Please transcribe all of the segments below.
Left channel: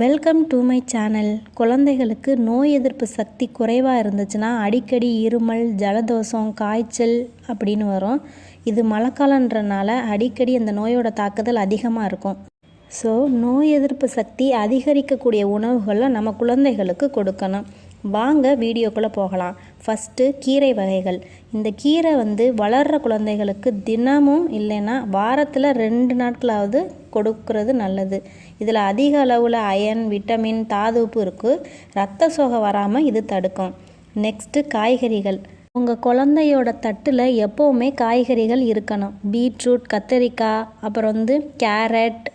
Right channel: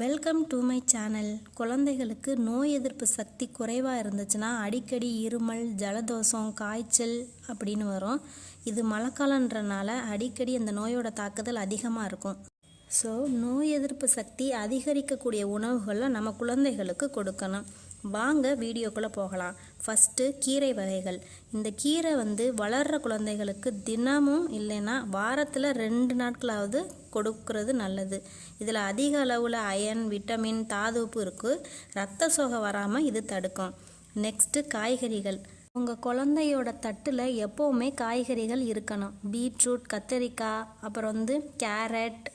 Welcome to my channel குழந்தைகளுக்கு நோய் எதிர்ப்பு சக்தி குறைவாக இருந்துச்சுன்னா அடிக்கடி இருமல் ஜலதோஷம் காய்ச்சல் அப்படின்னு வரும். இது மழைக்காலன்றனால அடிக்கடி அந்த நோயோட தாக்குதல் அதிகமாக இருக்கும். ஸோ நோய் எதிர்ப்பு சக்தி அதிகரிக்கக்கூடிய உணவுகளை நம்ம குழந்தைகளுக்கு கொடுக்கணும். வாங்க வீடியோக்குள்ளே போகலாம். ஃபஸ்ட்டு கீரை வகைகள். இந்த கீரை வந்து வளர்கிற குழந்தைகளுக்கு தினமும் இல்லைன்னா வாரத்தில் ரெண்டு நாட்களாவது கொடுக்கறது நல்லது. இதில் அதிக அளவில் அயன் விட்டமின் தாதுப்பு இருக்குது ரத்த சோகை வராமல் இது தடுக்கும். நெக்ஸ்ட்டு காய்கறிகள். உங்கள் குழந்தையோட தட்டில் எப்போவுமே காய்கறிகள் இருக்கணும். பீட்ரூட் கத்தரிக்காய் அப்புறம் வந்து கேரட்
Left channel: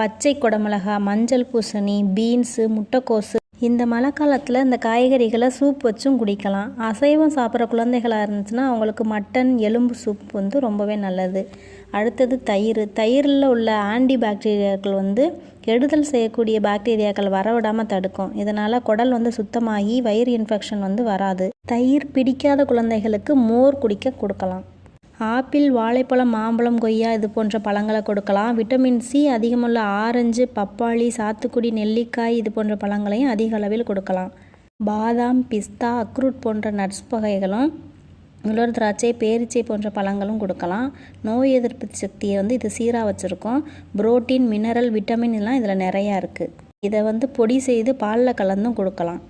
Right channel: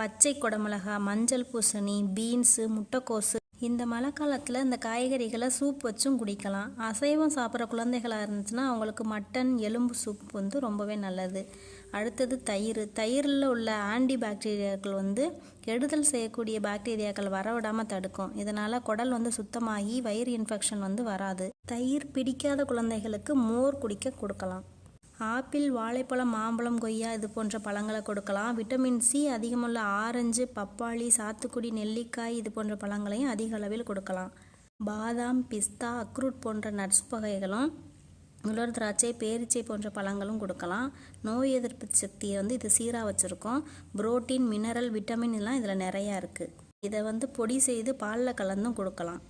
பச்சை குடமிளகா மஞ்சள் பூசணி பீன்ஸு முட்டைக்கோசு இந்த மழை காலத்தில் இந்த காய்கறிகளை சூப் வச்சும் குடிக்கலாம். அசைவம் சாப்பிட்ற குழந்தைகளாக இருந்துச்சுன்னா அவங்களுக்கு மட்டன் எலும்பு சூப் வந்து ரொம்பவே நல்லது. அடுத்தது தயிர். தயிரில் உள்ள ஆன்டி பாக்டீரியாக்கள் வந்து கெடுதல் செய்யக்கூடிய பாக்டீரியாக்கள் வரவிடாமல் தடுக்கும். இதனால் குடல் வந்து சுத்தமாகி வயிறு இன்ஃபெக்ஷன் வந்து வராது. தயிர் பிடிக்காத குழந்தைகளுக்கு மோர் குடிக்க கொடுக்கலாம். ஆப்பிள் வாழைப்பழம் மாம்பழம் கொய்யா இது போன்ற பழங்களை கொடுக்கலாம். விட்டமின் சி அதிகமுள்ள ஆரஞ்சு பப்பாளி சாத்துக்குடி நெல்லிக்காய் இது போன்ற பழங்களையும் அதிக அளவில் கொடுக்கலாம். பாதாம் பிஸ்தா அக்ரூட் போன்ற நட்ஸ் வகைகளும் உலர் திராட்சை பேரிச்சை போன்ற பழங்களும் கொடுக்கலாம். நோய் எதிர்ப்பு சக்தியை வந்து இது சீராக வச்சுருக்கோம். புரோட்டீன் மினரல் விட்டமின் எல்லாம் இதில் நிறையா இருக்குது இதை வந்து பொடி செய்து பாலில் கலந்தும் கொடுக்கலாம்.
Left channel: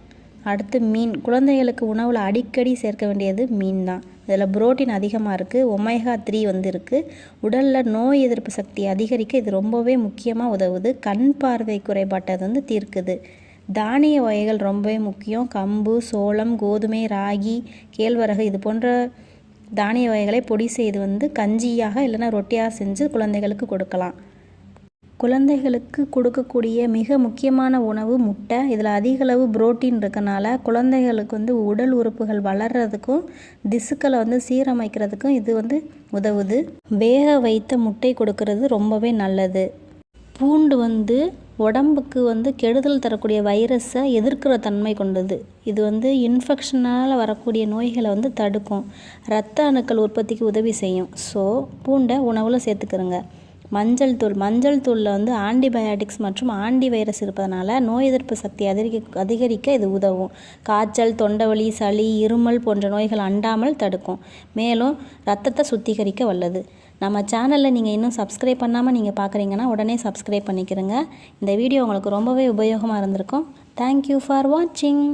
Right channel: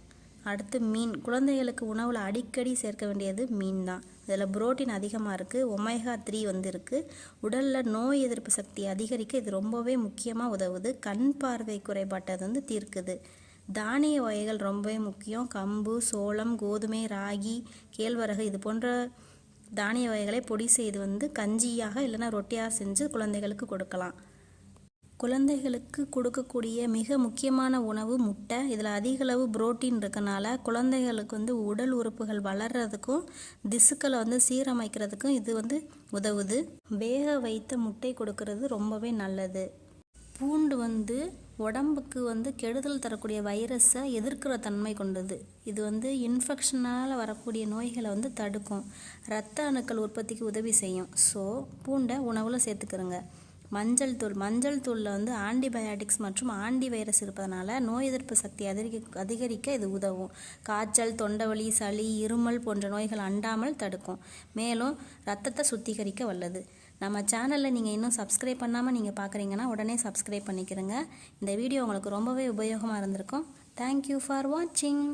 அடுத்து மீன். குழந்தைகளுக்கு உணவில் அடிக்கடி சேர்க்க வேண்டியது மீன் தான். இதில் புரோட்டீன் அதிகமாக இருக்குது ஒமேகா த்ரீ வந்து இருக்குது உடலில் நோய் எதிர்ப்பு சக்தி அதிகரிக்க இது ரொம்பவே முக்கியமாக உதவுது. கண் பார்வை குறைபாட்டை வந்து தீர்க்குது. தானிய வகைகள் ரொம்பவே முக்கியம். கம்பு சோளம் கோதுமை ராகி கேழ்வரகு இது போன்ற தானிய வகைகளை பொடி செய்து வந்து கஞ்சியாக இல்லைன்னா ரொட்டியாக செஞ்சு குழந்தைகளுக்கு கொடுக்கலாம். குழந்தைகளுக்கு கொடுக்கக்கூடிய மிக முக்கியமான உணவு முட்டை. இதில் அதிகளவு புரோட்டீன் இருக்கனால குழந்தைகளுக்கு வந்து உடல் உறுப்புகள் வளர்கிறதுக்கும் திசுக்களை வந்து சீரமைக்கிறதுக்கும் இது வந்து உதவுது. வேக வைத்த முட்டை கொடுக்கறது ரொம்பவே நல்லது. பூண்டு வந்து உடம்புக்கு வந்து கெடுதல் தரக்கூடிய வைரஸை எதிர்க்கிற தன்மை கொண்டது. இது வந்து இன்ஃபெக்ஷனால் வரக்கூடிய நோய்களை வந்து தடுக்கும். இரத்த அணுக்கள் உற்பத்திக்கு உதவி செய்யும். ஸோ பூண்டை உணவில் சேர்த்துக்கிறோங்க. மஞ்சள் தூள் மஞ்சள் தூளில் வந்து ஆன்டிபயாட்டிக்ஸ் மற்றும் ஆன்டி வைரஸ் இருப்பதனால நோய் எதிர்ப்பு சக்தி அதிகரிக்க அதிகரிக்க இது உதவும். காய்ச்சல் தொண்டவலி சளி இருமல் போன்ற நோய்கள் அண்டாமல் தடுக்கும். மேலும் ரத்தத்தை சுத்திகரிக்க வல்லது. நம்ம சேனலில் நீங்கள் இன்னும் சப்ஸ்கிரைப் பண்ணாமல் நீங்கள் பார்க்குறீங்கன்னா உடனே சப்ஸ்கிரைப் பண்ணிக்கிறங்க. இந்த வீடியோ உங்களுக்கு ரொம்பவே உபயோகமாக இருந்திருக்கும். தேங்க்யூ ஃபார் வாட்சிங்